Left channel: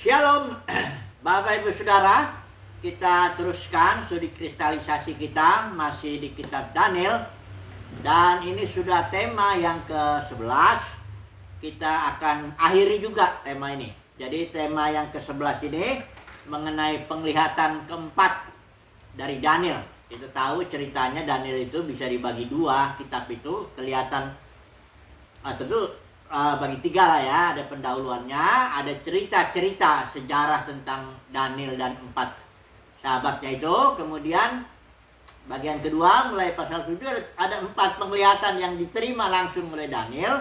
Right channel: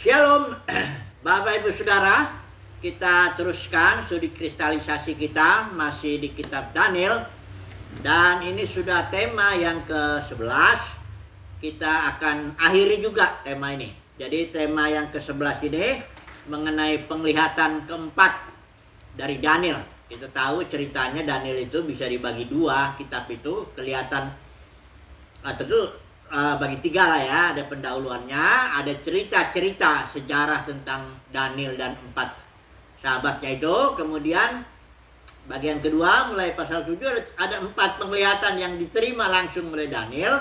Shalom, Bapak Ibu Saudara, kita teruskan studi kristalisasi kita masih di kitab Daniel. Dan ini sudah tema yang ke-11. Kita akan akhiri juga tema ini. Jadi tema yang ke-11 ini mengenai penglihatan keempat dari Daniel. Kita tahu ceritanya Daniel itu bisa dibagi dua, kitab itu kelihatan atau bagi tiga lah ya, ada pendahuluannya, ada cerita-cerita sejarah tentang Daniel dan empat sahabatnya itu. Kemudian bagian kedua mulai pasal 7 ada empat penglihatan yang diterima langsung oleh Daniel.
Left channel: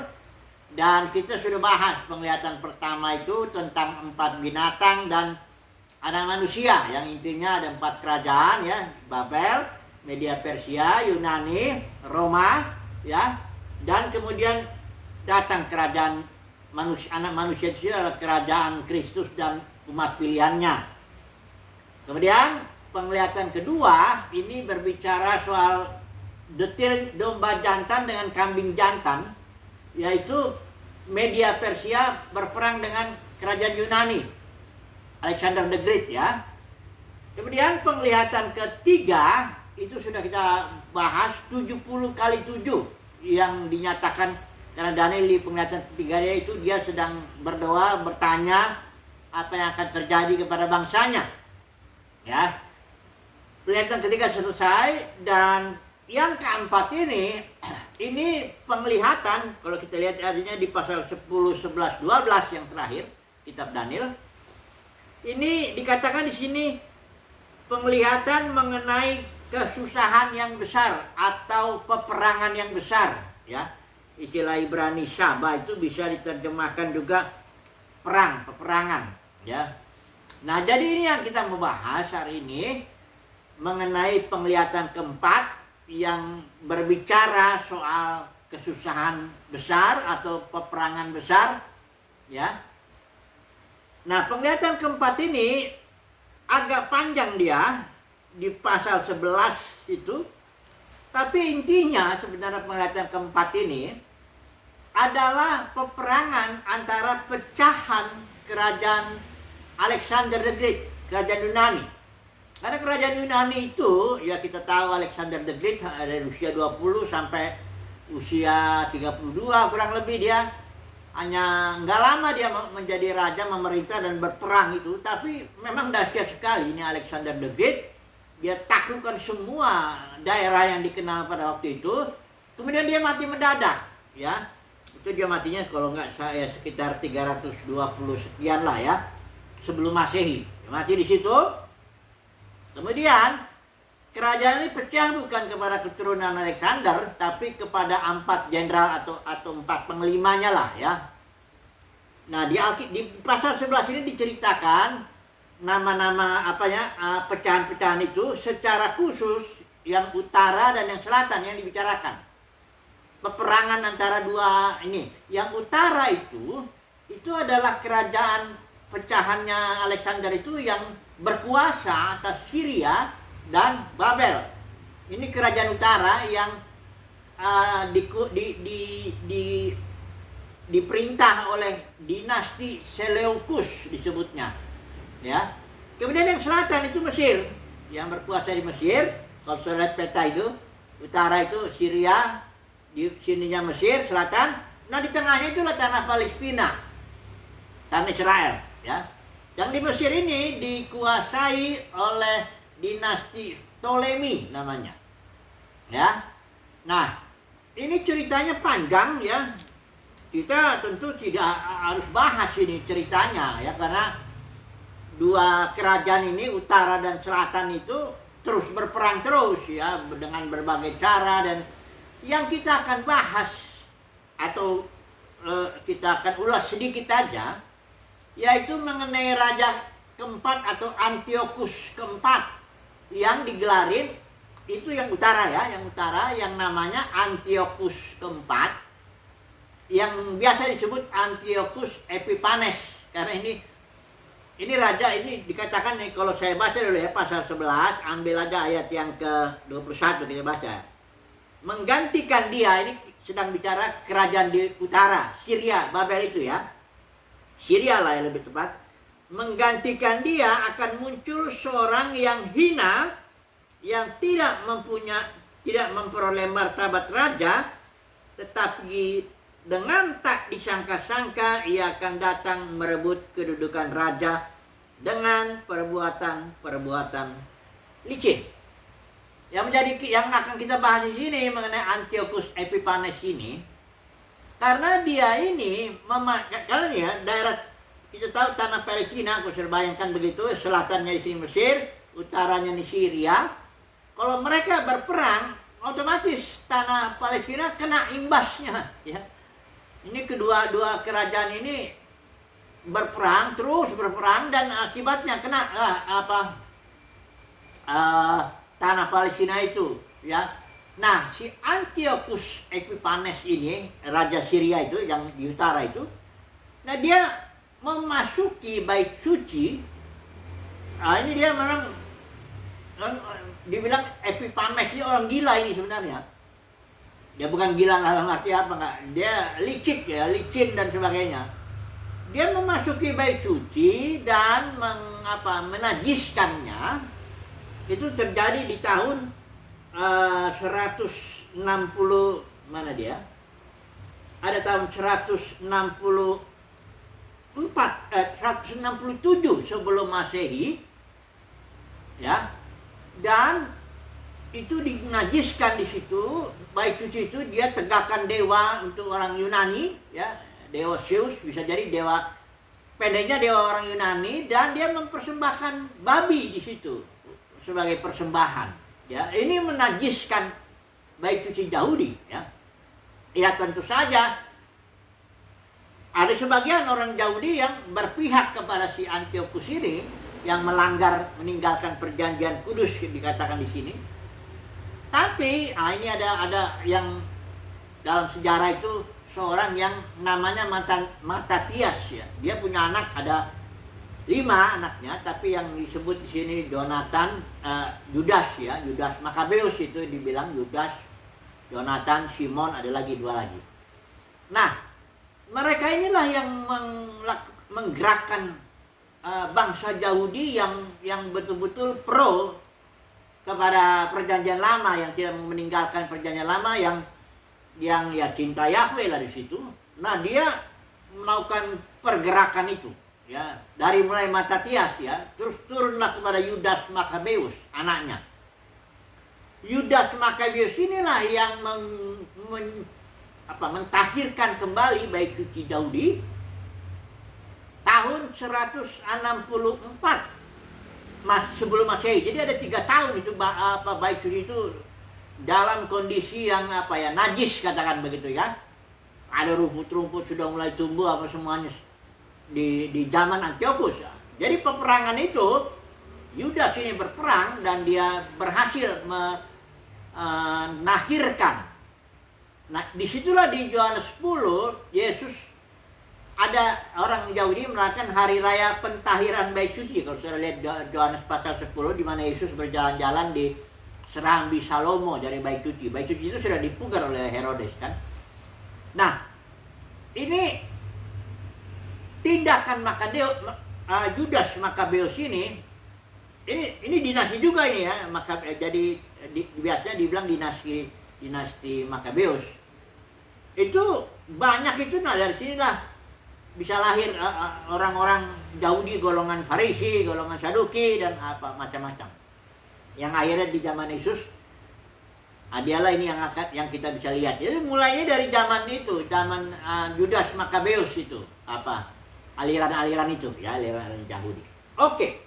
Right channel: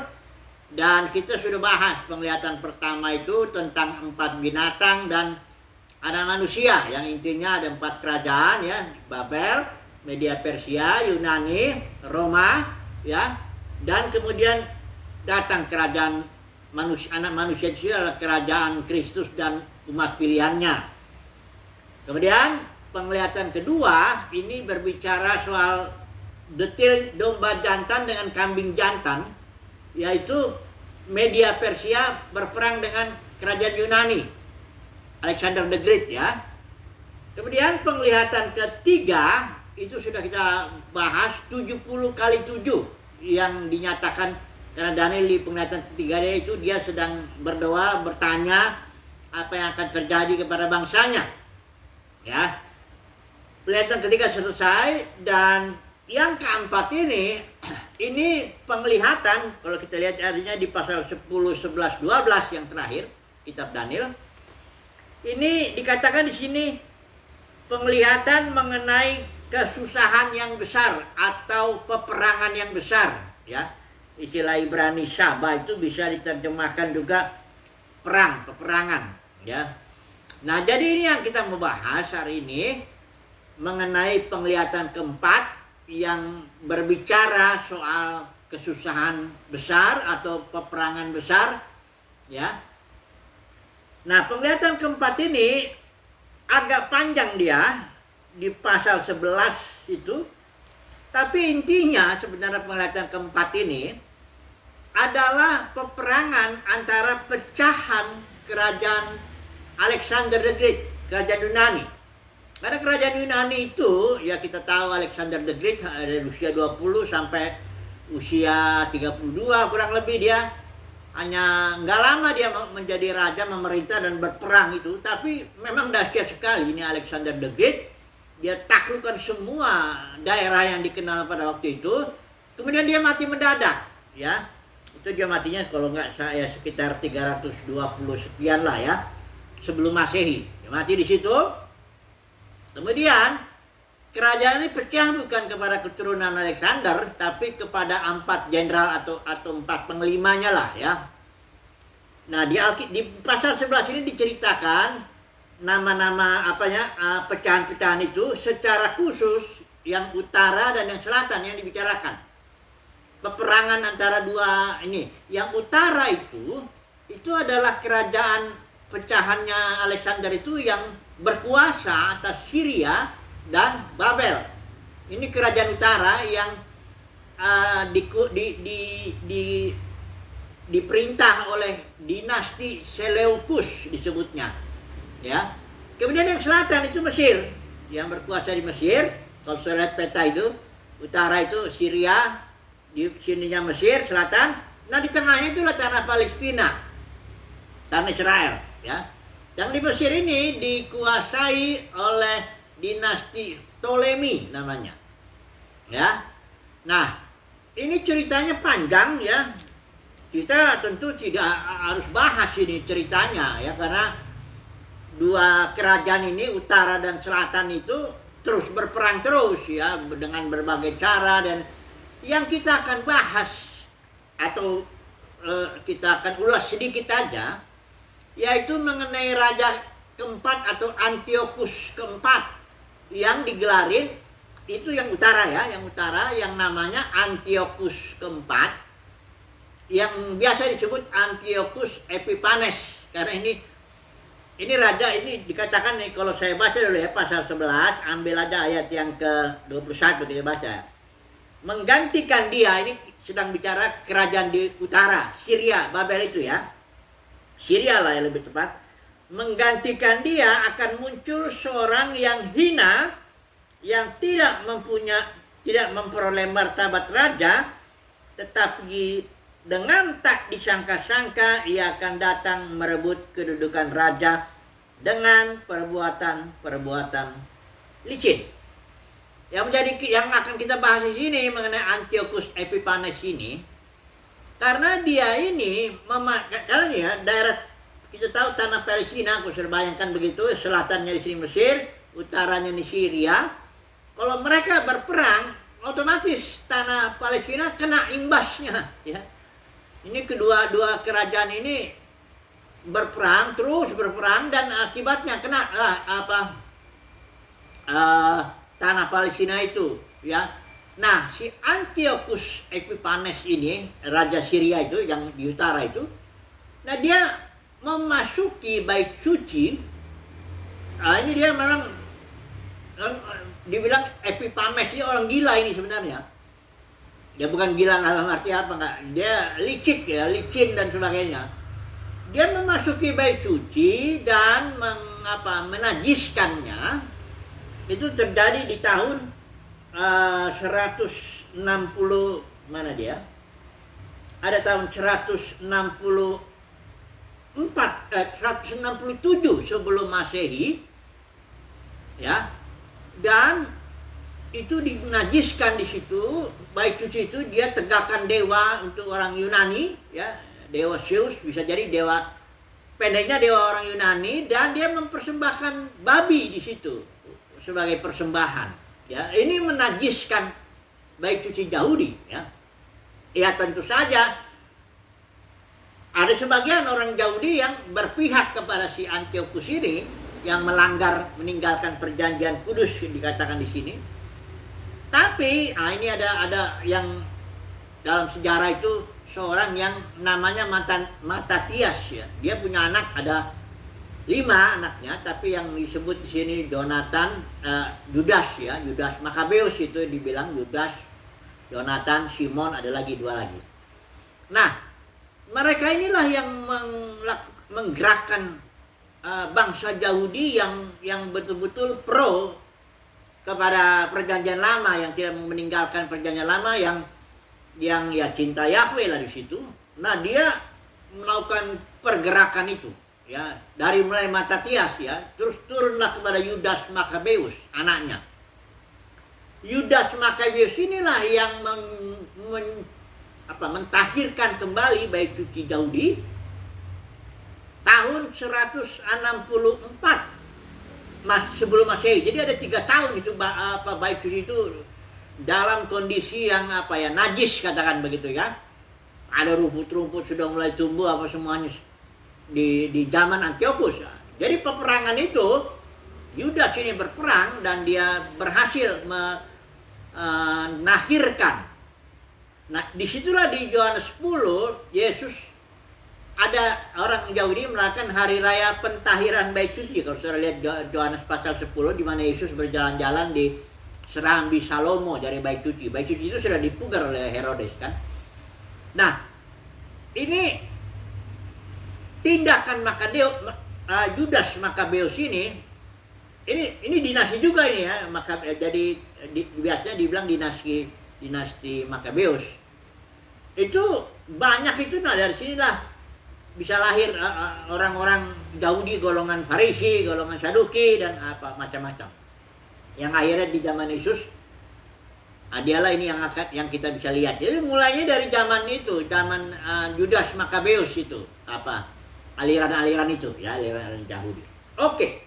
Dan kita sudah bahas penglihatan pertama itu tentang empat binatang dan anak manusia, yang intinya ada empat kerajaan ya, Babel, Media Persia, Yunani, Roma ya, dan kemudian datang kerajaan manusia, anak manusia itu adalah kerajaan Kristus dan umat pilihannya. Kemudian penglihatan kedua ini berbicara soal detail domba jantan dengan kambing jantan, yaitu Media Persia berperang dengan kerajaan Yunani, Alexander the Great ya. Kemudian penglihatan ketiga itu sudah kita bahas 70 kali 7 yang dinyatakan. Karena Daniel di penglihatan ketiga dia sedang berdoa, bertanya apa yang akan terjadi kepada bangsanya. Ya. Penglihatan ketiga selesai, dan yang keempat ini penglihatan, kalau kita lihat artinya di pasal 10, 11, 12 yang terakhir kitab Daniel. Ini dikatakan di sini penglihatan mengenai kesusahan yang besar atau peperangan yang besar, ya. Istilah Ibrani Syaba itu bisa diterjemahkan juga perang, peperangan ya. Nah, jadi ini yang kita mau bahas hari ini mengenai penglihatan keempat yang berbicara soal kesusahan besar atau peperangan besar ya. Nah, penglihatan keempat ini agak panjang dia di pasal 11 itu. Tapi intinya sebenarnya penglihatan keempat ini adalah peperangan antara pecahan kerajaan Alexander the Great, kerajaan Yunani. Karena kerajaan Yunani itu, ya kita tahu Alexander the Great dari usia 20 sampai usia 32 kurang lebih dia. Hanya nggak lama dia menjadi raja, memerintah dan berperang itu. Tapi memang dahsyat sekali ini Alexander the Great. Dia taklukkan semua daerah yang dikenal pada waktu itu. Kemudian dia mati mendadak ya. Itu dia matinya kalau nggak saya sekitar 320 sekian lah ya, sebelum Masehi. Dia mati di situ. Kemudian kerajaan ini pecah bukan kepada keturunan Alexander, tapi kepada empat jenderal atau empat panglimanya lah ya. Nah, di pasal 11 ini diceritakan nama-nama pecahan-pecahan itu secara khusus, yang utara dan yang selatan yang dibicarakan. Peperangan antara dua ini. Yang utara itu adalah kerajaan pecahannya Alexander itu yang berkuasa atas Syria dan Babel. Ini kerajaan utara yang diperintah oleh dinasti Seleucus disebutnya. Ya. Kemudian yang selatan itu Mesir, yang berkuasa di Mesir. Kalau saya lihat peta itu, utara itu Syria, di sininya Mesir, selatan. Nah, di tengahnya itulah tanah Palestina, tanah Israel ya. Yang di Mesir ini dikuasai oleh dinasti Ptolemy namanya ya. Nah, ini ceritanya panjang ya. Kita tentu tidak harus bahas ini ceritanya ya, karena dua kerajaan ini utara dan selatan itu terus berperang terus ya, dengan berbagai cara. Dan yang kita akan bahas atau kita akan ulas sedikit aja, yaitu mengenai raja keempat atau Antiochus keempat yang digelarin itu yang utara ya, yang namanya Antiochus keempat, yang biasa disebut Antiochus Epiphanes. Karena ini raja ini dikatakan nih, kalau saya baca dulu ya pasal 11, ambil aja ayat yang ke-21 kita baca. Menggantikan dia, ini sedang bicara kerajaan di utara, Syria, Babel itu ya. Syria lah yang lebih tepat. menggantikan dia akan muncul seorang yang hina, yang tidak memperoleh martabat raja, tetapi dengan tak disangka-sangka ia akan datang merebut kedudukan raja dengan perbuatan-perbuatan licin. Yang akan kita bahas di sini mengenai Antiochus Epiphanes ini, karena dia ini karena ya daerah, kita tahu tanah Palestina, aku sudah bayangkan begitu, selatannya di sini Mesir, utaranya di Syria. Kalau mereka berperang, otomatis tanah Palestina kena imbasnya, ya. Ini kedua-dua kerajaan ini terus berperang, dan akibatnya kena tanah Palestina itu, ya. Nah, si Antiochus Epiphanes ini, raja Syria itu yang di utara itu, nah dia memasuki bait suci. Ini dia memang dibilang Epiphanes ini orang gila ini sebenarnya. Dia bukan gila dalam arti apa, enggak. Dia licin dan sebagainya. Dia memasuki bait suci dan menajiskannya. Itu terjadi di tahun 160, mana dia? Ada tahun 167 sebelum Masehi, ya. Dan itu dinajiskan di situ, bait suci itu. Dia tegakkan dewa untuk orang Yunani, ya, dewa Zeus, bisa jadi dewa, pendeknya dewa orang Yunani, dan dia mempersembahkan babi di situ sebagai persembahan, ya. Ini menajiskan bait suci Yahudi, ya. Ya, tentu saja ada sebagian orang Yahudi yang berpihak kepada si Antiochus ini, yang meninggalkan perjanjian kudus dikatakan di sini. Tapi ini ada yang dalam sejarah itu seorang yang namanya Matatias, ya. Dia punya anak, ada 5 anaknya, tapi yang disebut di sini Judas, ya, Judas Makabeus itu dibilang Judas, Jonathan, Simon, ada lagi 2 lagi. Nah, mereka inilah yang menggerakkan bangsa Yahudi yang betul-betul pro kepada perjanjian lama, yang tidak meninggalkan perjanjian lama, yang ya cinta Yahweh lah di situ. Nah, dia melakukan pergerakan itu, ya, dari mulai Matatias, ya, terus turunlah kepada Judas Makabeus, anaknya. Judas Makabeus inilah yang mentahirkan kembali bait suci Yahudi tahun 164 sebelum Masehi. Jadi ada 3 tahun itu bait suci itu dalam kondisi yang najis, katakan begitu, ya. Ada rumput-rumput sudah mulai tumbuh semuanya di zaman Antiochus. Jadi peperangan itu, Yudas ini berperang dan dia berhasil menahirkan. Nah, disitulah di Yohanes 10, Yesus, ada orang Yahudi merayakan hari raya pentahiran bait suci. Kalau saudara lihat Yohanes pasal 10, di mana Yesus berjalan-jalan di Serambi Salomo dari bait suci. Bait suci itu sudah dipugar oleh Herodes, kan. Nah, ini tindakan Judas Makabeus ini dinasti juga ini, ya. Jadi biasanya dibilang dinasti Makabeus. Itu banyak itu, dari sinilah bisa lahir orang-orang Yahudi golongan Farisi, golongan Saduki, dan macam-macam. Yang akhirnya di zaman Yesus, dialah ini yang kita bisa lihat. Jadi mulainya dari zaman itu, zaman Judas Makabeus itu, aliran-aliran itu, ya, aliran Yahudi. Oke.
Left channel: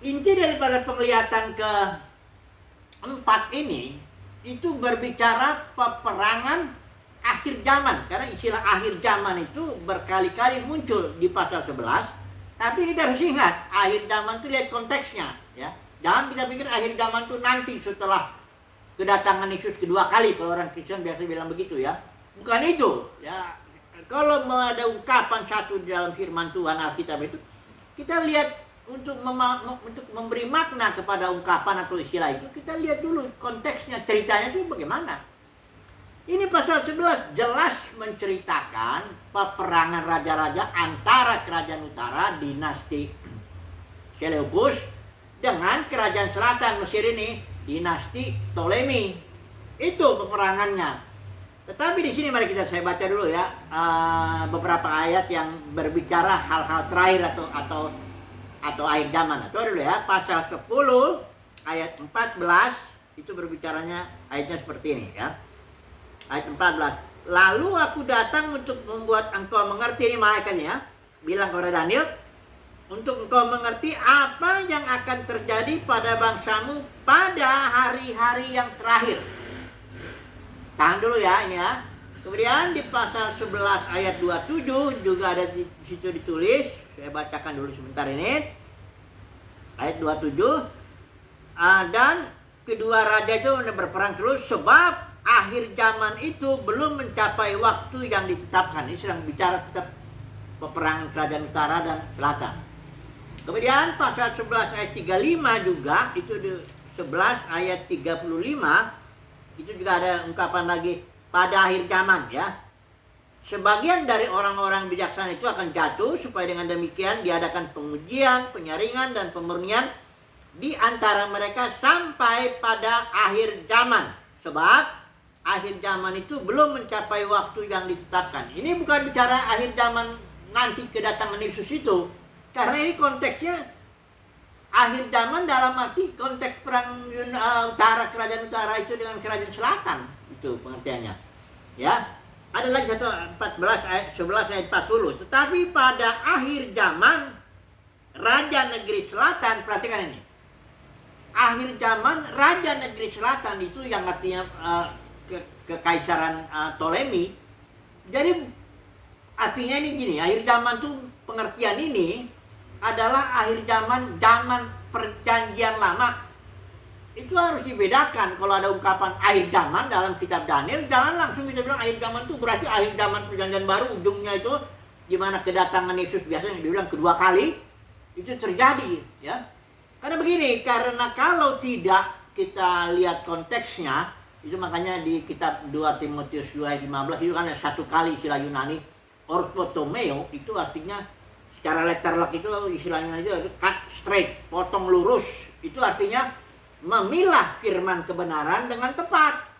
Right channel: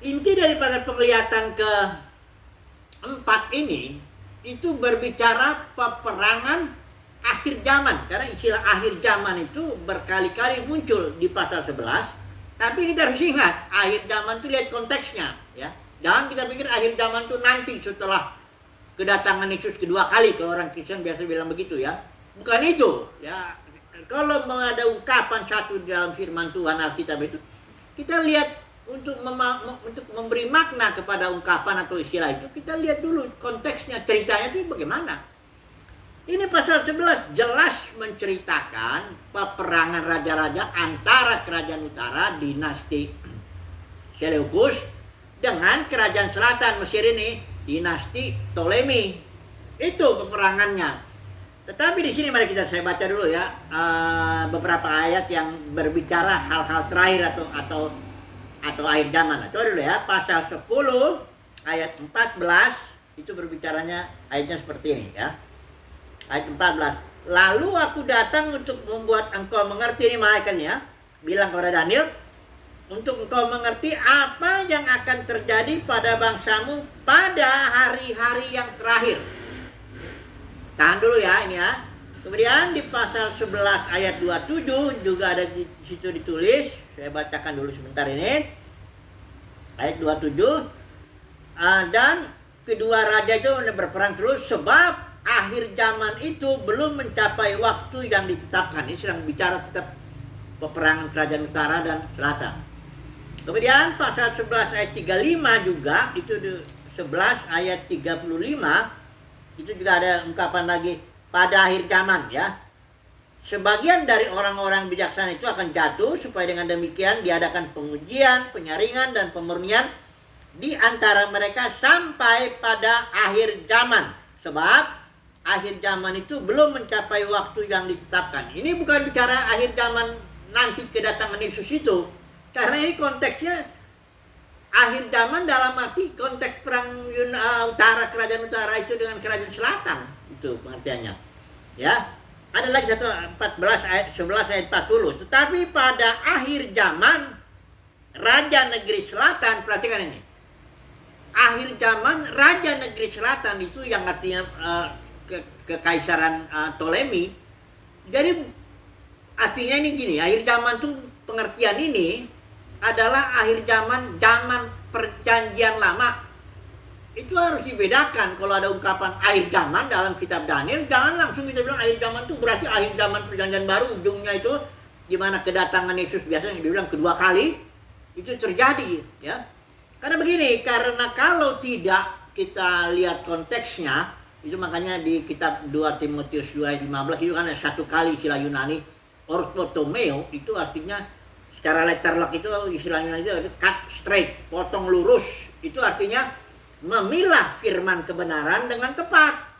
Inti daripada penglihatan keempat ini itu berbicara peperangan akhir zaman, karena istilah akhir zaman itu berkali-kali muncul di pasal 11. Tapi kita harus ingat, akhir zaman itu lihat konteksnya, ya. Jangan kita pikir akhir zaman itu nanti setelah kedatangan Yesus kedua kali. Kalau orang Kristen biasa bilang begitu, ya. Bukan itu, ya. Kalau ada ungkapan satu dalam firman Tuhan Alkitab itu, kita lihat untuk memberi makna kepada ungkapan atau istilah itu, kita lihat dulu konteksnya, ceritanya itu bagaimana. Ini pasal 11 jelas menceritakan peperangan raja-raja antara kerajaan utara dinasti Seleukus dengan kerajaan selatan Mesir ini dinasti Ptolemy. Itu peperangannya. Tetapi di sini mari saya baca dulu ya beberapa ayat yang berbicara hal-hal terakhir atau akhir zaman. Coba dulu ya, pasal 10 ayat 14 itu berbicaranya ayatnya seperti ini ya. Ayat 14. Lalu aku datang untuk membuat engkau mengerti, ini malaikatnya bilang kepada Daniel, untuk engkau mengerti apa yang akan terjadi pada bangsamu pada hari-hari yang terakhir. Tahan dulu ya ini ya. Kemudian di pasal 11 ayat 27 juga ada di situ ditulis. Saya bacakan dulu sebentar ini. Ayat 27. Dan kedua raja itu berperang terus sebab akhir zaman itu belum mencapai waktu yang ditetapkan. Ini sedang bicara tetap peperangan kerajaan utara dan selatan. Kemudian pasal 11 ayat 35 juga, itu di 11 ayat 35, itu juga ada ungkapan lagi pada akhir zaman ya. Sebagian dari orang-orang bijaksana itu akan jatuh supaya dengan demikian diadakan pengujian, penyaringan dan pemurnian di antara mereka sampai pada akhir zaman. Sebab akhir zaman itu belum mencapai waktu yang ditetapkan. Ini bukan bicara akhir zaman nanti kedatangan Yesus itu. Karena ini konteksnya akhir zaman dalam arti konteks perang utara, kerajaan utara itu dengan kerajaan selatan. Itu pengertiannya. Ya. Ada lagi 14 ayat 11 ayat 40. Tetapi pada akhir zaman raja negeri selatan, perhatikan ini. Akhir zaman raja negeri selatan itu yang artinya kekaisaran Ptolemy. Jadi artinya ini gini, akhir zaman tuh pengertian ini adalah akhir zaman perjanjian lama. Itu harus dibedakan. Kalau ada ungkapan akhir zaman dalam kitab Daniel, jangan langsung kita bilang akhir zaman itu berarti akhir zaman perjanjian baru, ujungnya itu di mana kedatangan Yesus biasanya dibilang kedua kali itu terjadi ya. Karena begini, karena kalau tidak kita lihat konteksnya, itu makanya di kitab 2 Timotius 2 ayat 15 itu kan ada satu kali istilah Yunani orthotomeo, itu artinya secara letterlock itu istilah Yunani itu cut straight, potong lurus. Itu artinya memilah firman kebenaran dengan tepat.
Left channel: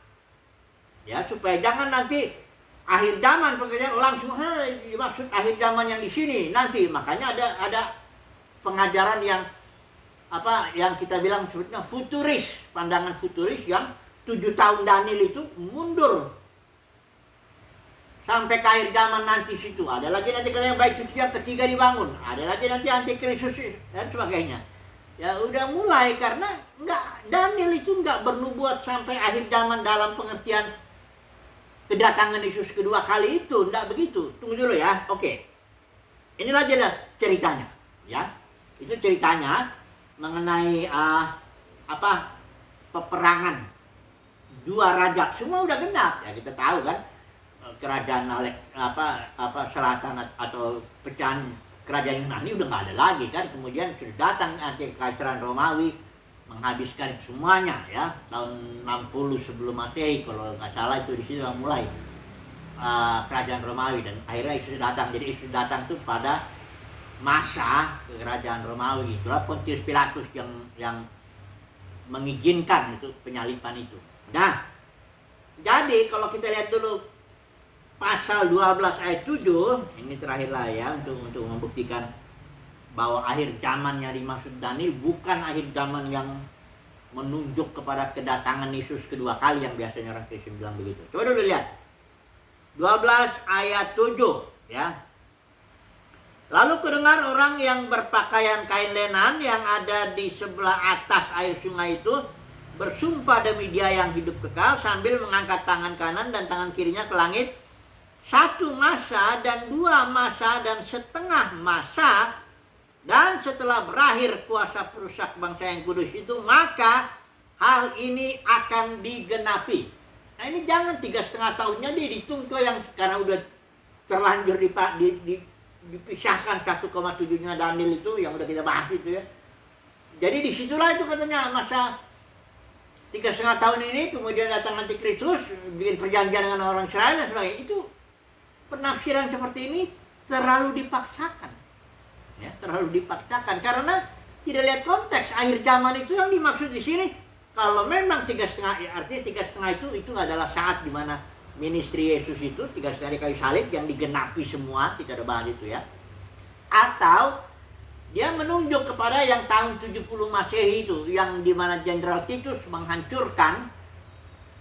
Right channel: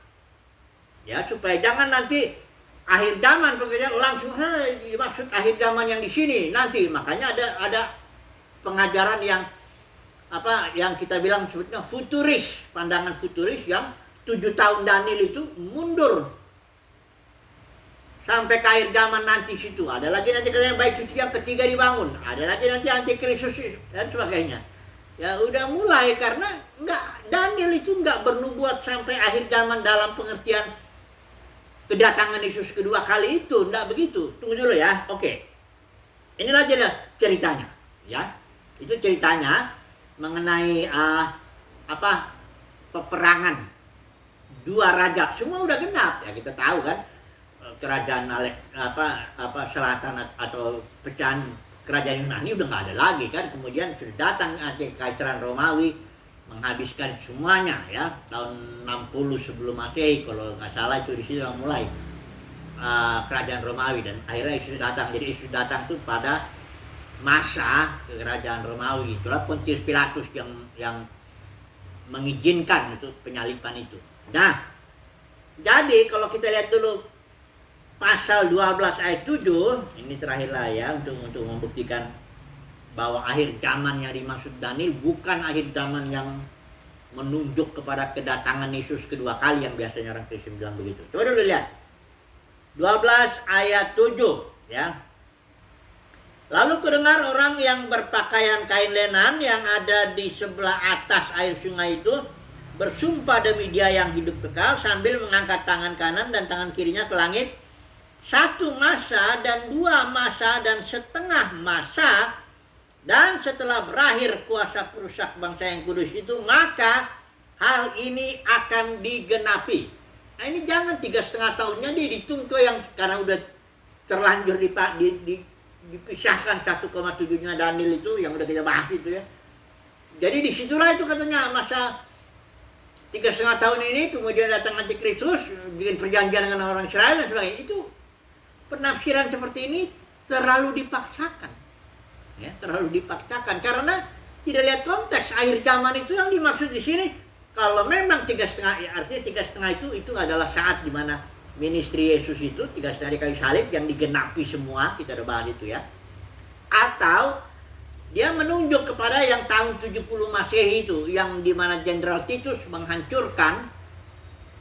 Ya, supaya jangan nanti akhir zaman pekerjaan langsung maksud akhir zaman yang di sini nanti. Makanya ada pengajaran yang yang kita bilang sebutnya futuris, pandangan futuris yang 7 tahun Daniel itu mundur sampai ke akhir zaman nanti situ. Ada lagi nanti yang baik suci yang ketiga dibangun. Ada lagi nanti antikristus dan sebagainya. Ya udah mulai karena Daniel itu nggak bernubuat sampai akhir zaman dalam pengertian kedatangan Yesus kedua kali itu, nggak begitu. Tunggu dulu ya. Oke. Inilah jelas ceritanya, ya. Itu ceritanya mengenai peperangan dua raja. Semua udah genap. Ya kita tahu kan kerajaan selatan atau pecahan kerajaan Yunani udah nggak ada lagi kan. Kemudian sudah datang kekaisaran Romawi menghabiskan semuanya ya tahun 60 sebelum Masehi kalau nggak salah, itu di situ yang mulai kerajaan Romawi, dan akhirnya Yesus datang. Jadi Yesus datang tuh pada masa kerajaan Romawi. Itulah Pontius Pilatus yang mengizinkan itu penyaliban itu. Nah, jadi kalau kita lihat dulu pasal 12 ayat 7, ini terakhir lah ya untuk membuktikan bahwa akhir zaman yang dimaksud Daniel bukan akhir zaman yang menunjuk kepada kedatangan Yesus kedua kali yang biasanya orang Kristen bilang begitu. Coba dulu lihat 12 ayat 7 ya. Lalu kudengar orang yang berpakaian kain lenan yang ada di sebelah atas air sungai itu bersumpah demi Dia yang hidup kekal sambil mengangkat tangan kanan dan tangan kirinya ke langit. 1 masa dan 2 masa dan setengah masa, dan setelah berakhir kuasa perusak bangsa yang kudus itu, maka hal ini akan digenapi. Nah ini jangan 3,5 tahunnya dihitung ke yang sekarang udah terlanjur dipisahkan 1,7-nya Daniel itu yang udah kita bahas itu ya. Jadi disitulah itu katanya masa 3,5 tahun ini kemudian datang antikristus, bikin perjanjian dengan orang Israel dan sebagainya. Itu penafsiran seperti ini terlalu dipaksakan. Ya, terlalu dipaksakan karena tidak lihat konteks akhir zaman itu yang dimaksud di sini. Kalau memang 3,5, ya artinya 3,5 itu adalah saat di mana ministry Yesus itu 3,5 di kayu salib yang digenapi semua, kita udah bahas itu ya. Atau dia menunjuk kepada yang tahun 70 Masehi itu, yang di mana Jenderal Titus menghancurkan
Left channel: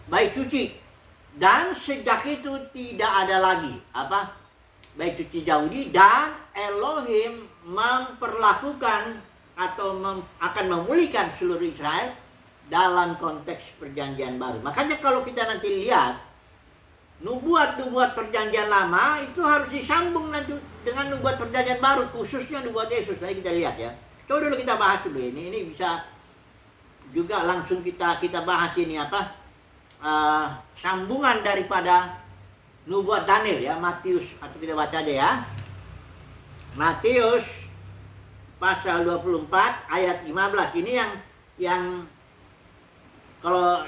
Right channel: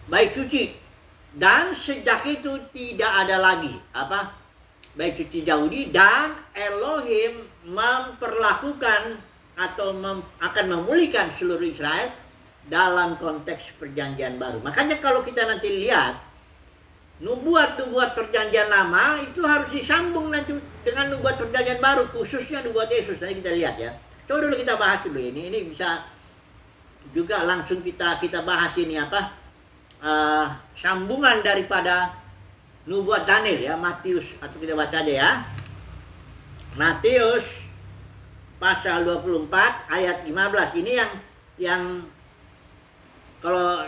bait suci. Dan sejak itu tidak ada lagi bait suci Yahudi, dan Elohim memperlakukan atau akan memulihkan seluruh Israel dalam konteks perjanjian baru. Makanya kalau kita nanti lihat nubuat-nubuat perjanjian lama itu harus disambung nanti dengan nubuat perjanjian baru, khususnya nubuat Yesus. Nanti kita lihat ya. Coba dulu kita bahas dulu ini. Ini bisa juga langsung kita bahas ini sambungan daripada nubuat Daniel ya, Matius, atau kita baca aja ya. Matius pasal 24 ayat 15. Ini yang kalau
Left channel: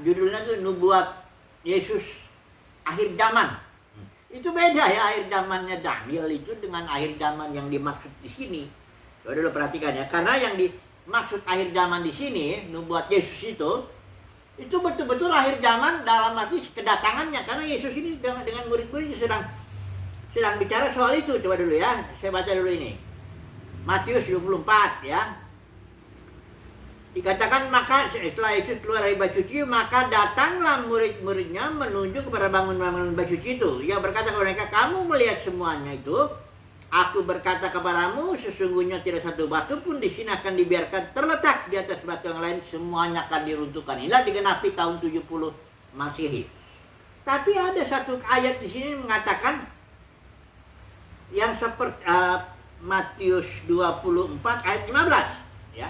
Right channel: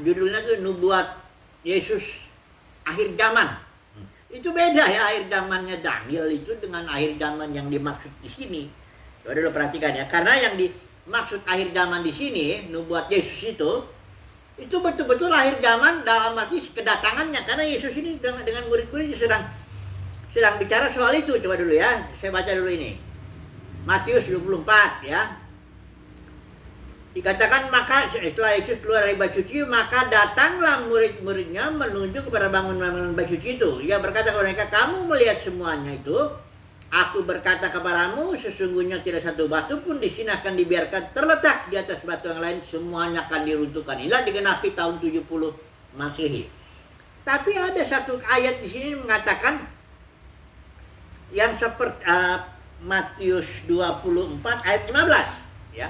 judulnya tuh nubuat Yesus akhir zaman. Itu beda ya, akhir zamannya Daniel itu dengan akhir zaman yang dimaksud di sini. Coba dulu perhatikan ya, karena yang dimaksud akhir zaman di sini nubuat Yesus itu betul-betul akhir zaman dalam arti kedatangannya, karena Yesus ini dengan murid-muridnya sedang bicara soal itu. Coba dulu ya, saya baca dulu ini. Matius 24 ya. Dikatakan, maka setelah Yesus keluar dari bait suci, maka datanglah murid-muridnya menuju kepada bangunan bait suci itu. Ia berkata kepada mereka, kamu melihat semuanya itu? Aku berkata kepadamu, sesungguhnya tidak satu batu pun di sini akan dibiarkan terletak di atas batu yang lain, semuanya akan diruntuhkan. Inilah digenapi tahun 70 Masehi. Tapi ada satu ayat di sini mengatakan yang seperti Matius 24 ayat 15 ya.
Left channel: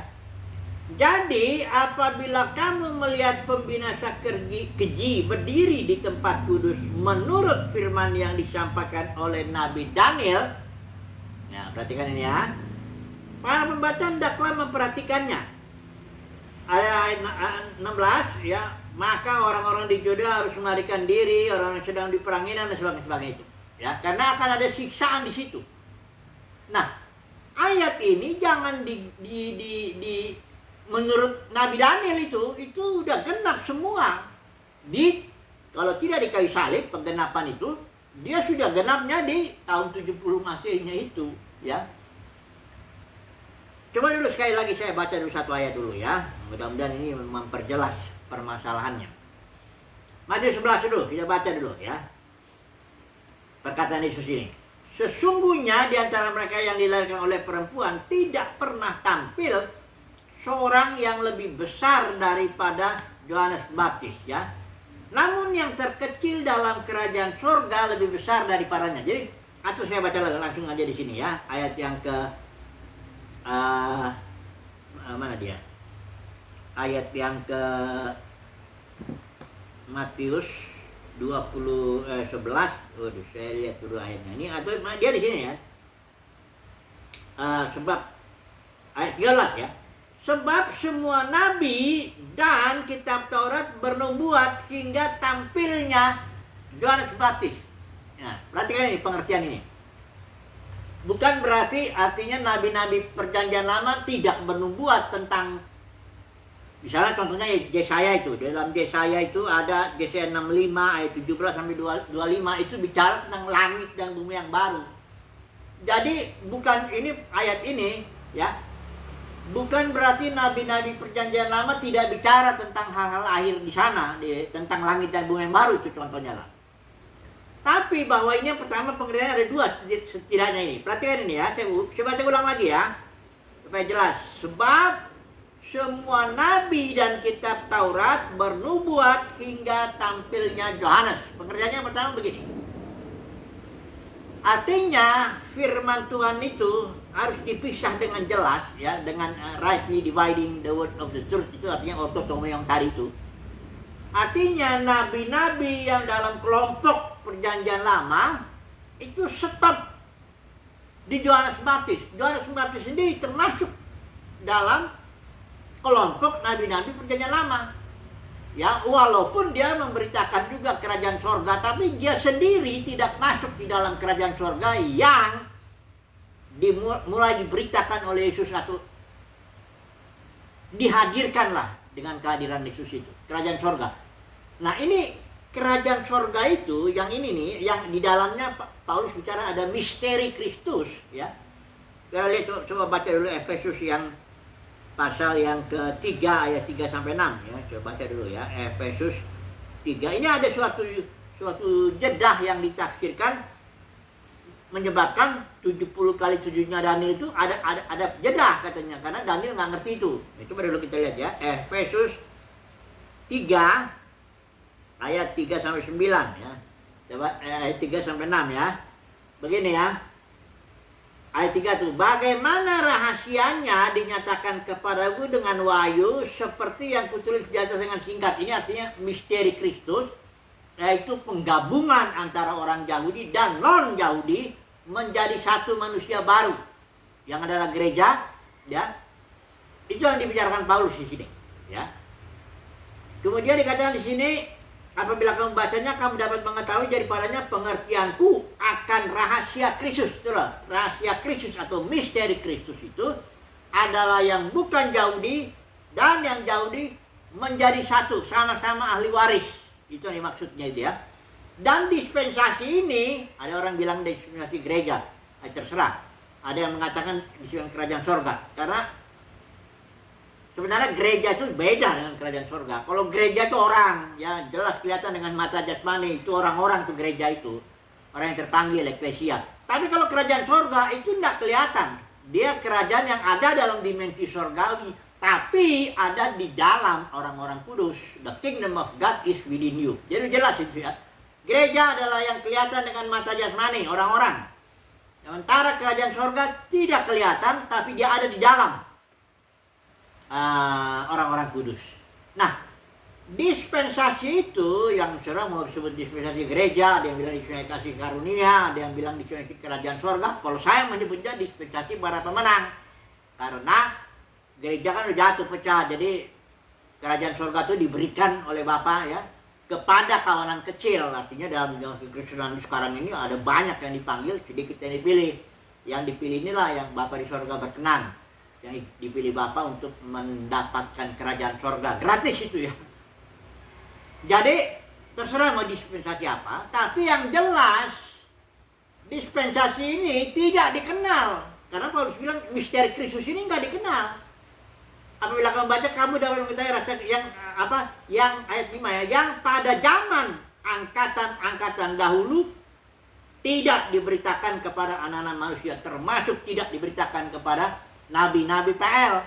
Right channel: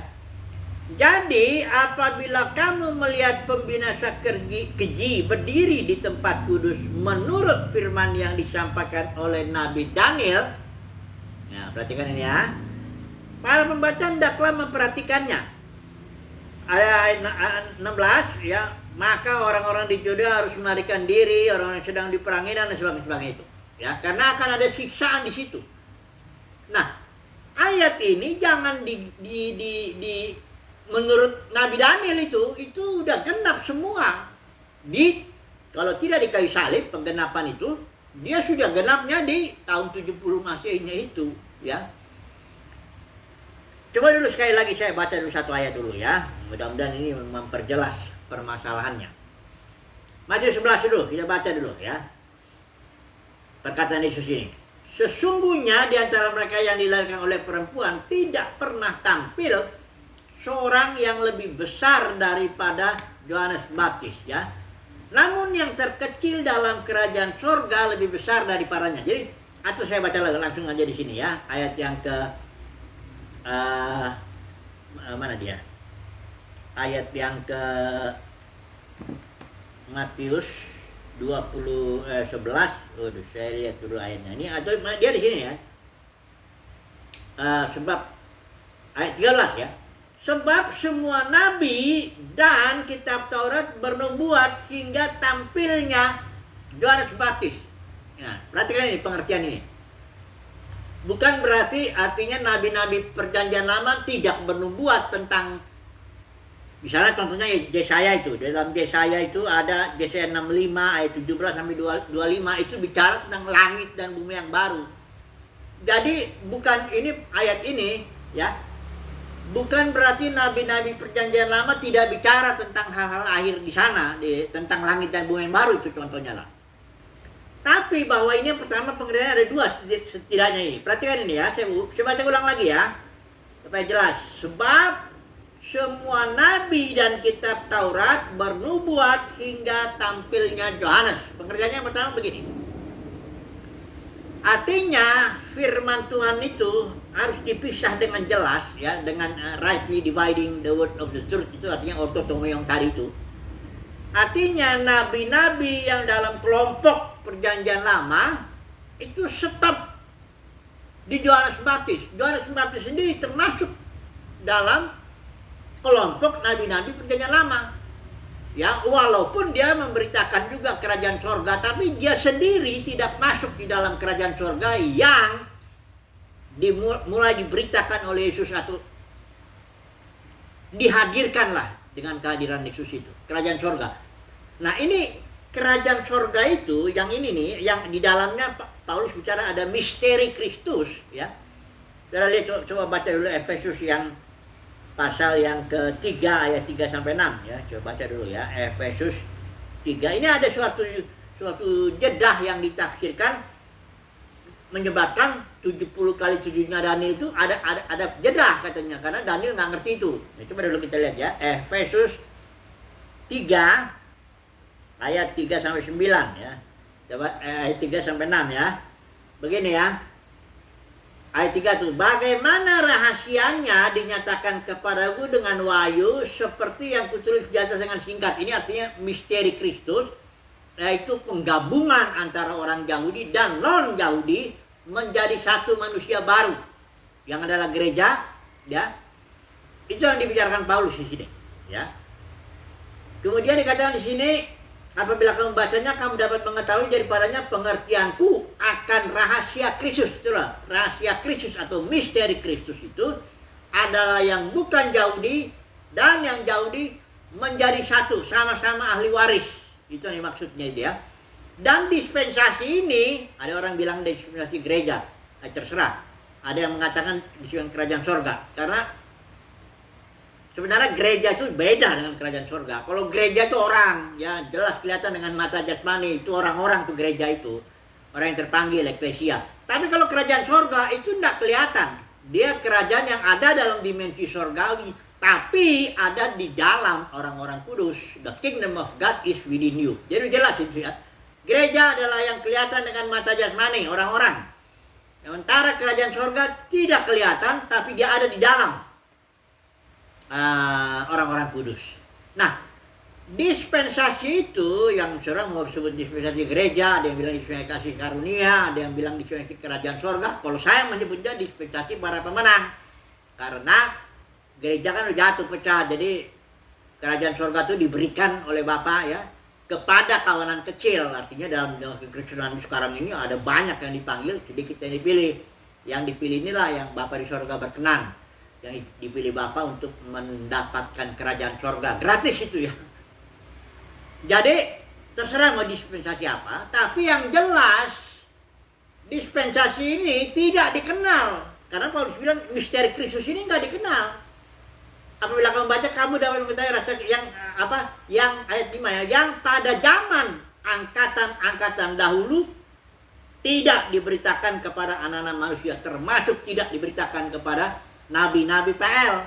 Jadi apabila kamu melihat pembinasa keji berdiri di tempat kudus menurut firman yang disampaikan oleh Nabi Daniel, ya perhatikan ini ya, para pembaca hendaklah memperhatikannya. Ayat 16 ya, maka orang-orang di Yuda harus melarikan diri, orang yang sedang diperangi dan sebagainya itu, ya, karena akan ada siksaan di situ. Nah, ayat ini jangan menurut Nabi Daniel itu udah genap semua. Kalau tidak di kayu salib, penggenapan itu dia sudah genapnya di tahun 70 Masehinya itu ya. Coba dulu sekali lagi saya baca dulu satu ayat dulu ya. Mudah-mudahan ini memperjelas permasalahannya. Matius 11 dulu, kita baca dulu ya. Perkataan Yesus ini. Sesungguhnya di antara mereka yang dilahirkan oleh perempuan tidak pernah tampil seorang yang lebih besar daripada Yohanes Pembaptis ya. Namun yang terkecil dalam kerajaan sorga lebih besar daripadanya. Jadi, atau saya baca langsung aja di sini ya, ayat yang ke mana dia? Ayat yang ke Matius 11. Waduh, saya lihat dulu ayatnya ini, atau dia di sini ya. Sebab ayat 13 ya. Sebab semua nabi dan kitab Taurat bernubuat hingga tampilnya Yohanes Pembaptis. Nah, perhatikan ini pengertian ini. Bukan berarti artinya nabi-nabi perjanjian lama tidak bernubuat tentang, misalnya contohnya Yesaya itu. Dalam Yesaya itu ada Yesaya 65 ayat 17 sampai 25 itu bicara tentang langit dan bumi yang baru. Jadi bukan ini ayat ini ya. Bukan berarti nabi-nabi perjanjian lama tidak bicara tentang hal-hal akhir di sana, tentang langit dan bumi yang baru, itu contohnya lah. Tapi bahwa ini yang pertama pengertiannya ada dua setidaknya ini. Perhatikan ini ya, saya baca ulang lagi ya, supaya jelas. Sebab semua nabi dan kitab Taurat bernubuat hingga tampilnya Yohanes. Pengertiannya yang pertama begini. Artinya firman Tuhan itu harus dipisah dengan jelas ya, dengan rightly dividing the word of the truth, itu artinya ortotomo yang tadi itu. Artinya nabi-nabi yang dalam kelompok perjanjian lama itu stop di Yohanes Pembaptis. Yohanes Pembaptis sendiri termasuk dalam kelompok nabi-nabi perjanjian lama. Ya, walaupun dia memberitakan juga kerajaan sorga, tapi dia sendiri tidak masuk di dalam kerajaan sorga yang mulai diberitakan oleh Yesus atau dihadirkanlah dengan kehadiran Yesus itu, kerajaan sorga. Nah, ini kerajaan sorga itu, yang ini nih, yang di dalamnya Paulus bicara ada misteri Kristus, ya. Kita lihat, coba baca dulu Efesus yang pasal yang ketiga ayat 3 sampai 6 ya. Coba baca dulu ya, Efesus 3. Ini ada suatu jedah yang ditafsirkan menyebabkan 70 kali sujudnya Daniel itu ada jedah katanya, karena Daniel nggak ngerti itu. Nah, coba dulu kita lihat ya, Efesus 3 ayat 3 sampai 9 ya. Coba ayat 3 sampai 6 ya. Begini ya. Ayat 3 itu, bagaimana rahasianya dinyatakan kepadaku dengan wahyu seperti yang kutulis di atas dengan singkat. Ini artinya misteri Kristus, yaitu penggabungan antara orang Yahudi dan non-Yahudi menjadi satu manusia baru yang adalah gereja, ya. Itu yang dibicarakan Paulus di sini, ya. Kemudian dikatakan di sini, apabila kamu bacanya, kamu dapat mengetahui daripadanya pengertianku akan rahasia Kristus. Itulah rahasia Kristus atau misteri Kristus itu adalah yang bukan Yahudi dan yang Yahudi menjadi satu, sama-sama ahli waris. Itu yang maksudnya itu ya. Dan dispensasi ini, ada orang bilang dispensasi gereja, terserah. Ada yang mengatakan dispensasi kerajaan sorga, karena sebenarnya gereja itu beda dengan kerajaan surga. Kalau gereja itu orang, ya jelas kelihatan dengan mata jasmani, itu orang-orang tuh gereja itu. Orang yang terpanggil, eklesia. Tapi kalau kerajaan surga itu tidak kelihatan. Dia kerajaan yang ada dalam dimensi surgawi, tapi ada di dalam orang-orang kudus. The kingdom of God is within you. Jadi jelas itu ya. Gereja adalah yang kelihatan dengan mata jasmani, orang-orang. Sementara kerajaan surga tidak kelihatan, tapi dia ada di dalam orang-orang kudus. Nah, dispensasi itu yang seorang mau disebut dispensasi gereja, ada yang bilang dispensasi kasih karunia, ada yang bilang dispensasi kerajaan surga. Kalau saya menyebutnya dispensasi para pemenang, karena gereja kan udah jatuh pecah, jadi kerajaan surga itu diberikan oleh Bapa ya kepada kawanan kecil. Artinya dalam kekristenan sekarang ini ada banyak yang dipanggil, sedikit yang dipilih. Yang dipilih inilah yang Bapa di surga berkenan, yang dipilih Bapa untuk mendapatkan kerajaan sorga. Gratis itu ya. Jadi terserah mau dispensasi apa, tapi yang jelas dispensasi ini tidak dikenal. Karena Paulus bilang misteri Kristus ini nggak dikenal. Apabila kamu baca, kamu dapat mengetahui rasa yang ayat 5 ya, yang pada zaman angkatan dahulu tidak diberitakan kepada anak-anak manusia, termasuk tidak diberitakan kepada nabi-nabi PL,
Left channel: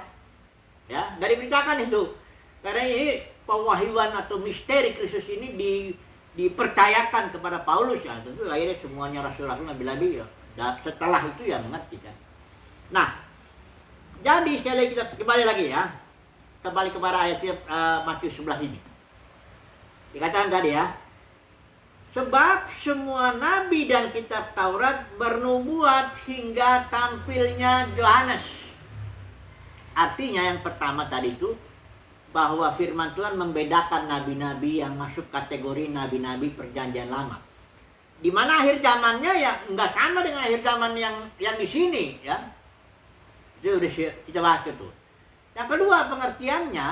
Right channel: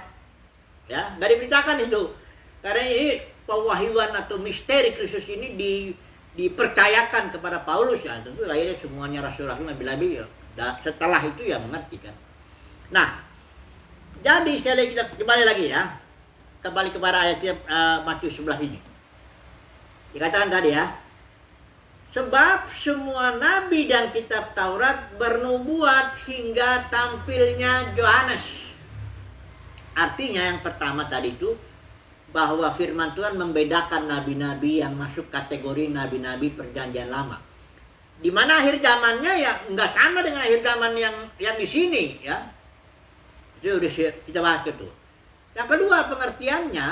ya nggak diberitakan itu, karena ini pewahyuan atau misteri Kristus ini dipercayakan kepada Paulus ya, tentu akhirnya semuanya rasul-rasul nabi-nabi ya, setelah itu ya mengerti kan. Nah, jadi sekali kita kembali lagi ya, kembali kepada ayatnya Matius 11 ini, dikatakan tadi ya, sebab semua nabi dan kitab Taurat bernubuat hingga tampilnya Yohanes. Artinya yang pertama tadi itu bahwa firman Tuhan membedakan nabi-nabi yang masuk kategori nabi-nabi perjanjian lama. Di mana akhir zamannya ya nggak sama dengan akhir zaman yang di sini ya. Itu udah kita bahas itu. Yang kedua pengertiannya,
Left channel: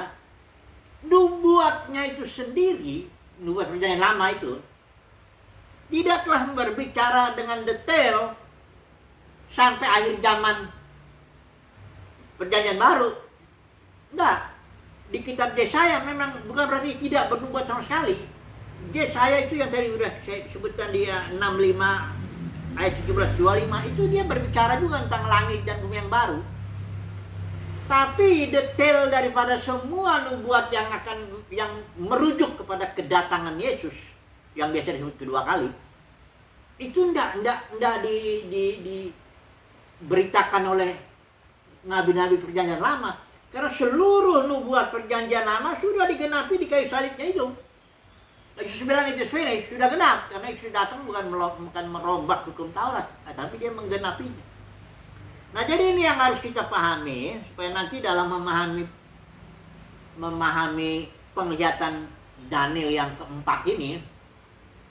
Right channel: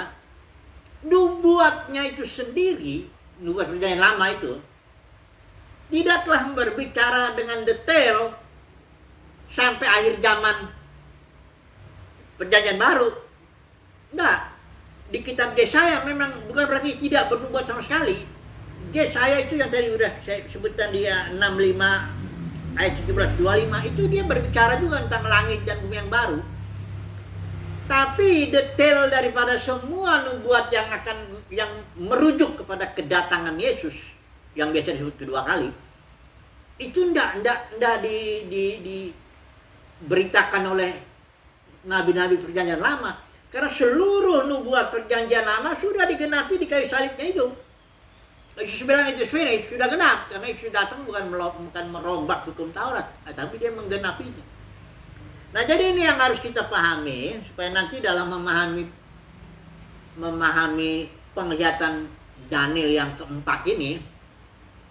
nubuatnya itu sendiri, nubuat perjanjian lama itu tidaklah berbicara dengan detail sampai akhir zaman perjanjian baru. Enggak. Di kitab Yesaya memang bukan berarti tidak bernubuat sama sekali. Yesaya itu yang tadi udah saya sebutkan dia 65 ayat 17 25 itu dia berbicara juga tentang langit dan bumi yang baru. Tapi detail daripada semua nubuat yang merujuk kepada kedatangan Yesus yang biasa disebut kedua kali, itu enggak diberitakan oleh nabi-nabi perjanjian lama, karena seluruh nubuat perjanjian lama sudah digenapi di kayu salibnya itu. Yesus bilang itu finish, sudah genap, karena Yesus datang bukan merombak hukum Taurat, tapi dia menggenapinya. Nah, jadi ini yang harus kita pahami supaya nanti dalam memahami memahami penglihatan Daniel yang keempat ini,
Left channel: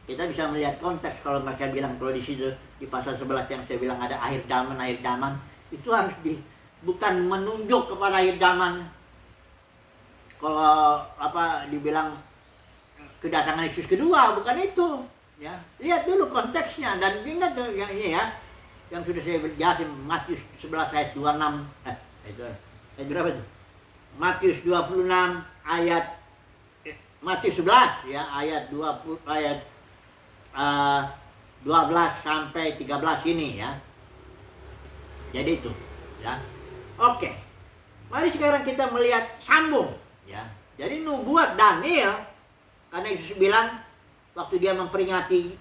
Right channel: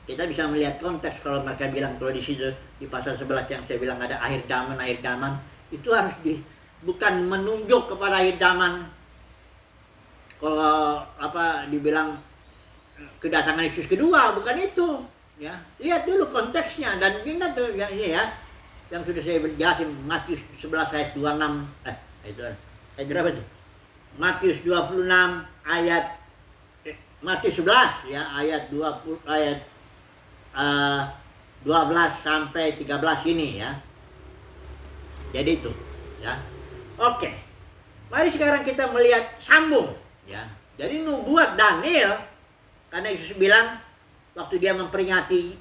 kita bisa melihat konteks. Kalau mereka bilang, kalau di situ di pasal 11 yang saya bilang ada akhir zaman, itu harus bukan menunjuk kepada akhir zaman. Kalau dibilang kedatangan Yesus kedua, bukan itu. Ya, lihat dulu konteksnya dan ingat tuh yang ini ya, yang sudah saya jelasin, Matius 11 ayat 26. Itu ayat berapa tuh? Matius 26 ayat Matius 11 ya, ayat 20 ayat 12 sampai 13 ini ya. Jadi itu ya. Oke. Mari sekarang kita melihat sambung ya. Jadi nubuat Daniel, karena Yesus bilang waktu dia memperingati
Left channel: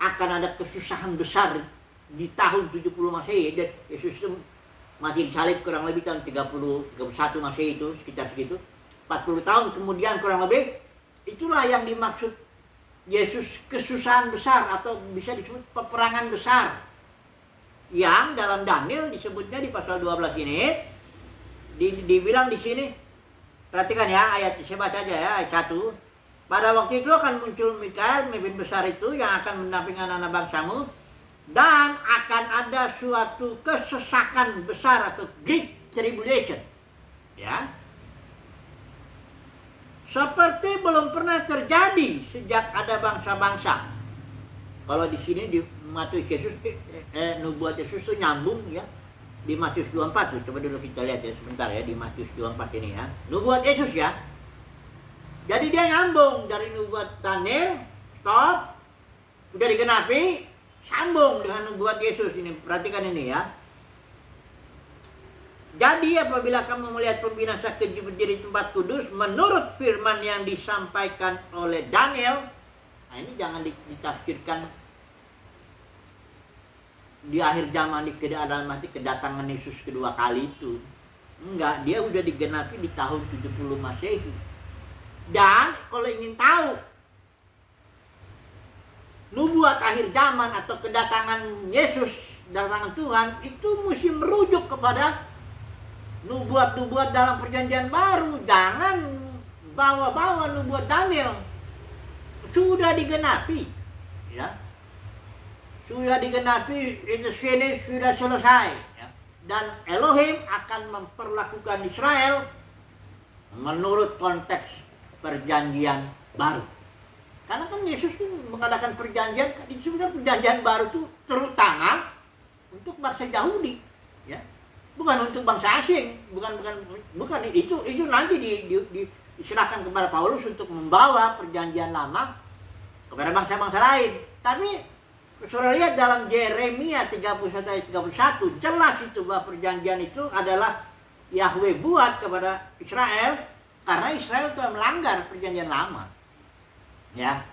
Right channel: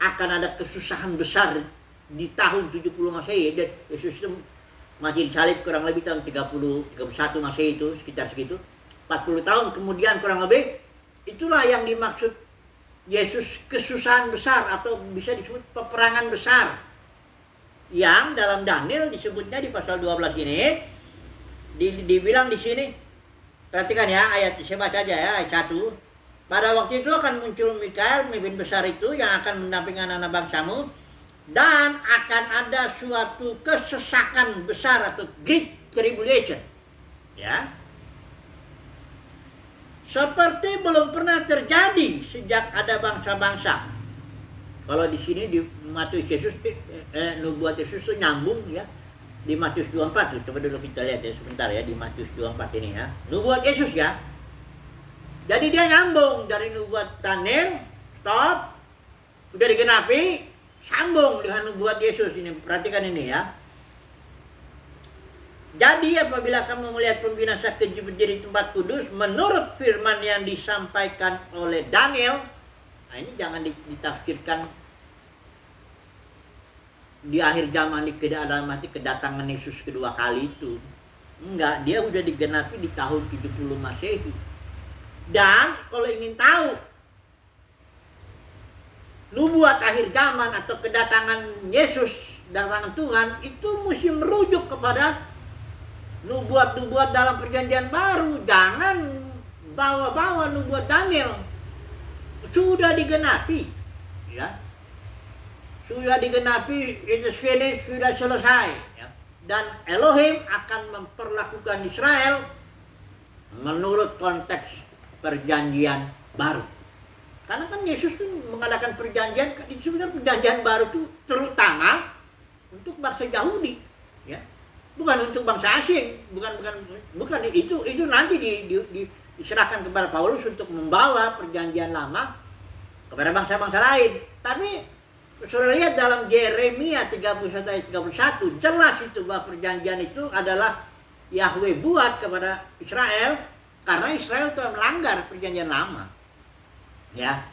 akan ada kesusahan besar di tahun 70 Masehi, dan Yesus itu masih disalib kurang lebih tahun 31 Masehi itu, sekitar segitu. 40 tahun kemudian kurang lebih, itulah yang dimaksud Yesus kesusahan besar, atau bisa disebut peperangan besar, yang dalam Daniel disebutnya di pasal 12 ini dibilang di sini. Perhatikan ya, ayat saya baca aja ya, ayat 1. Pada waktu itu akan muncul Mikael, pemimpin besar itu, yang akan mendampingi anak-anak bangsamu, dan akan ada suatu kesesakan besar atau great tribulation. Ya. Seperti belum pernah terjadi sejak ada bangsa-bangsa. Kalau di sini di Matius Yesus, nubuat Yesus itu nyambung ya. Di Matius 24 tuh, coba dulu kita lihat ya sebentar ya, di Matius 24 ini ya. Nubuat Yesus ya. Jadi dia nyambung dari nubuat Daniel, stop, sudah digenapi, sambung dengan nubuat Yesus ini. Perhatikan ini ya. Jadi apabila kamu melihat pembinasa keji berdiri di tempat kudus, menurut firman yang disampaikan oleh Daniel, nah ini jangan ditafsirkan di akhir zaman, di kedatangan Yesus kedua kali itu. Enggak, dia udah digenapi di tahun 70 Masehi. Dan kalau ingin tahu nubuat akhir zaman atau kedatangan Yesus, kedatangan Tuhan, itu mesti merujuk kepada nubuat-nubuat dalam perjanjian baru. Jangan bawa-bawa nubuat Daniel. Sudah digenapi ya. Sudah digenapi, itu finished, sudah selesai ya. Dan Elohim akan memperlakukan Israel menurut konteks perjanjian baru. Karena kan Yesus itu mengadakan perjanjian, disebutkan perjanjian baru itu terutama untuk bangsa Yahudi ya. Bukan untuk bangsa asing, bukan itu nanti diserahkan kepada Paulus untuk membawa perjanjian lama kepada bangsa-bangsa lain. Tapi saudara lihat dalam Yeremia 31 ayat 31, jelas itu bahwa perjanjian itu adalah Yahweh buat kepada Israel, karena Israel telah melanggar perjanjian lama. Ya.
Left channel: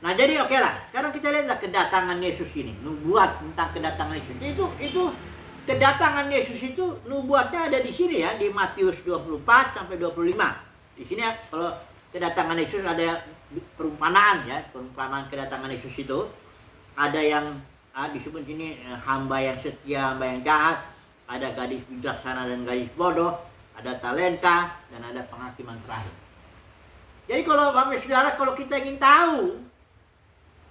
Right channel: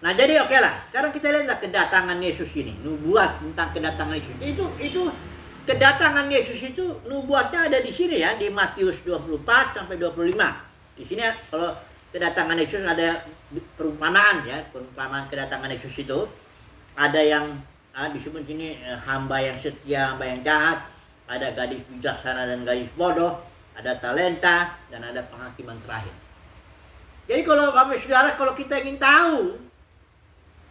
Nah, jadi oke lah. Sekarang kita lihatlah kedatangan Yesus ini, nubuat tentang kedatangan Yesus. Itu kedatangan Yesus itu nubuatnya ada di sini ya, di Matius 24 sampai 25. Di sini kalau kedatangan Yesus ada perumpamaan ya, perumpamaan kedatangan Yesus itu ada yang disebut sini hamba yang setia, hamba yang jahat, ada gadis bijaksana dan gadis bodoh, ada talenta, dan ada penghakiman terakhir. Jadi kalau Bapak Saudara, kalau kita ingin tahu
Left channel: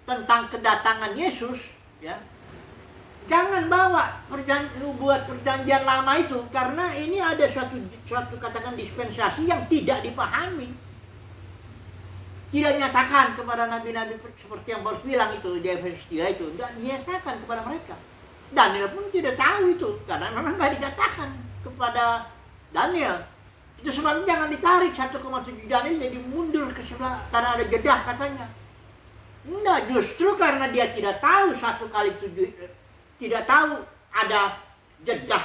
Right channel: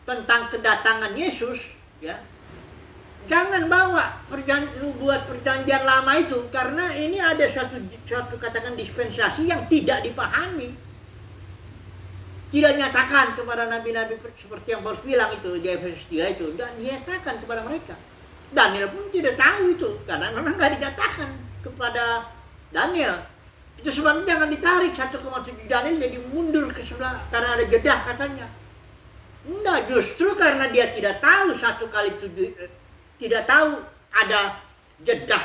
tentang kedatangan Yesus ya, jangan bawa nubuat perjanjian lama itu, karena ini ada suatu katakan dispensasi yang tidak dipahami. Tidak nyatakan kepada nabi-nabi seperti yang Paulus bilang itu di Efesus 3 itu, tidak dinyatakan kepada mereka. Daniel pun tidak tahu itu, karena memang tidak dinyatakan kepada Daniel. Itu sebabnya jangan ditarik 1,7 Daniel jadi mundur ke sebelah karena ada jedah katanya. Enggak, justru karena dia tidak tahu 1x7, tidak tahu ada jedah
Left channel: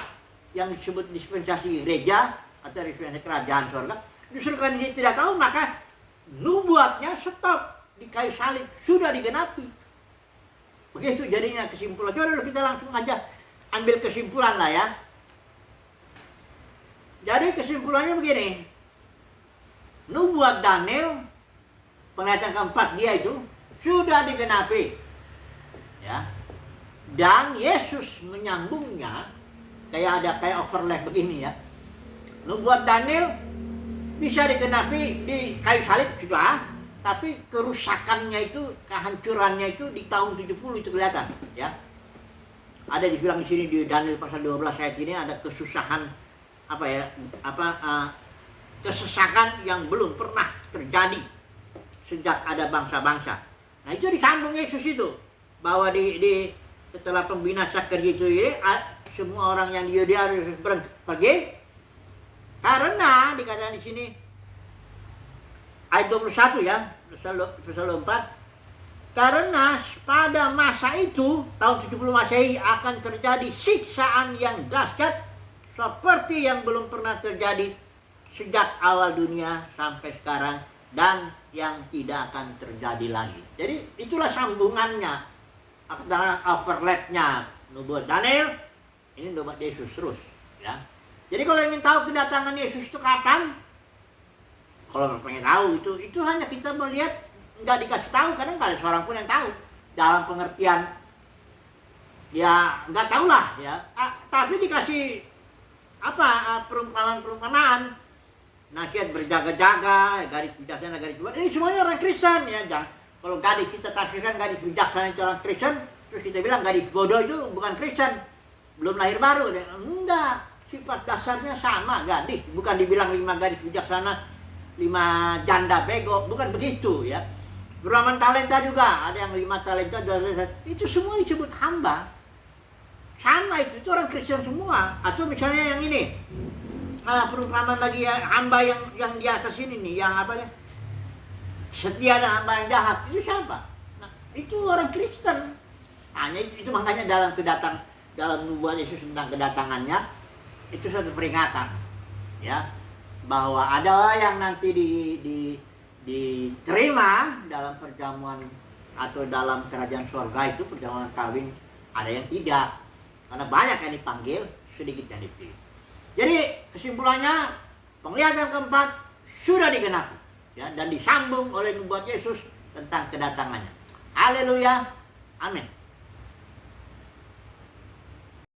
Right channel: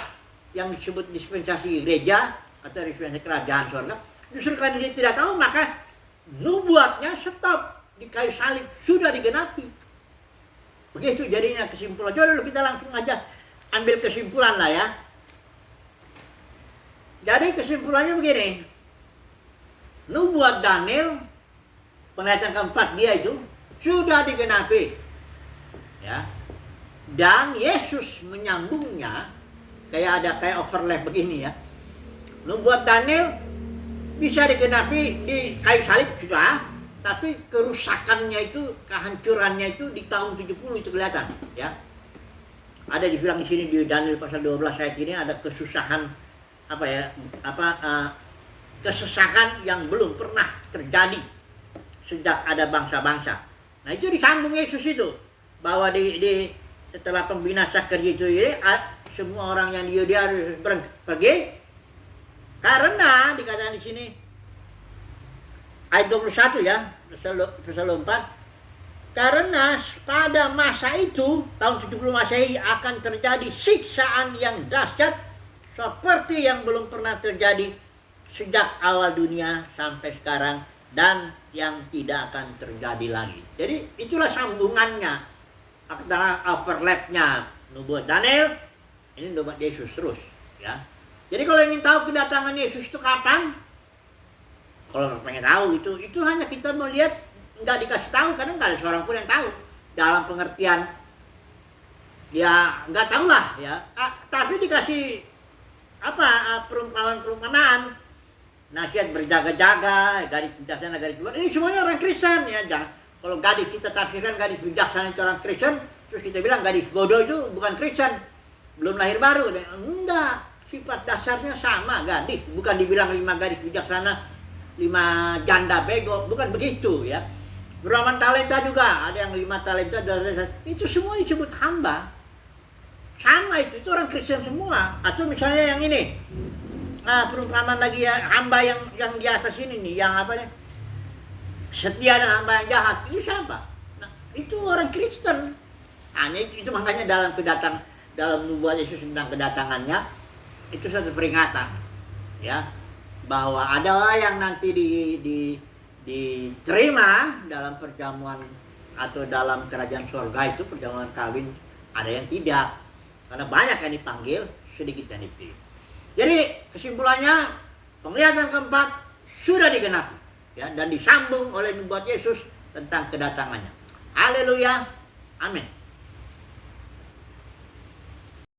yang disebut dispensasi gereja atau dispensasi kerajaan surga. Justru karena dia tidak tahu, maka nubuatnya stop di kayu salib, sudah digenapi. Begitu jadinya kesimpulan. Coba dulu kita langsung aja ambil kesimpulan lah ya. Jadi kesimpulannya begini. Nubuat Daniel penglihatan keempat dia itu sudah digenapi. Ya. Dan Yesus menyambungnya kayak overlap begini ya. Nubuat Daniel bisa digenapi di kayu salib sudah, tapi kerusakannya itu, kehancurannya itu di tahun 70 itu kelihatan, ya. Ada dibilang di sini di Daniel pasal 12 ayat ini ada kesusahan kesesakan yang belum pernah terjadi sejak ada bangsa-bangsa. Nah, itu disambung Yesus itu, bahwa setelah pembinasa kerja itu ini, semua orang yang di Yudea harus pergi, karena dikatakan di sini ayat 21 ya, pasal 4, karena pada masa itu tahun 70 Masehi akan terjadi siksaan yang dahsyat seperti yang belum pernah terjadi sejak awal dunia sampai sekarang, dan yang tidak akan terjadi lagi. Jadi itulah sambungannya, antara overlapnya nubuat Daniel, ini nubuat Yesus terus, ya. Jadi kalau ingin tahu kedatangan Yesus itu kapan, kalau pengen tahu itu hanya kita melihat, nggak dikasih tahu, karena nggak ada seorang pun yang tahu. Dalam pengertian, ya nggak tahu lah, ya. Tapi dikasih perumpamaan, nasihat berjaga-jaga, gadis bijaksana, gadis bodoh. Ini semuanya orang Kristen, ya. Kalau gadis kita tafsirkan gadis bijaksana itu orang Kristen, terus kita bilang gadis bodoh itu bukan Kristen, belum lahir baru. Enggak, sifat dasarnya sama, gadis. Bukan dibilang 5 gadis bijaksana, 5 janda bego, bukan begitu, ya. Beraman talenta juga, ada yang 5 talenta, itu semua disebut hamba. Sama itu orang Kristen semua. Atau misalnya yang ini, perumpamaan lagi ya, hamba yang di atas ini nih, yang setia dan hamba yang jahat, itu siapa? Nah, itu orang Kristen. Hanya itu makanya dalam nubuat Yesus tentang kedatangannya, itu satu peringatan, ya, bahwa ada yang nanti diterima dalam perjamuan atau dalam kerajaan surga itu, perjamuan kawin, ada yang tidak, karena banyak yang dipanggil, sedikit yang dipilih. Jadi kesimpulannya, penglihatan keempat sudah digenapi, ya, dan disambung oleh nubuat Yesus tentang kedatangannya. Haleluya, amin.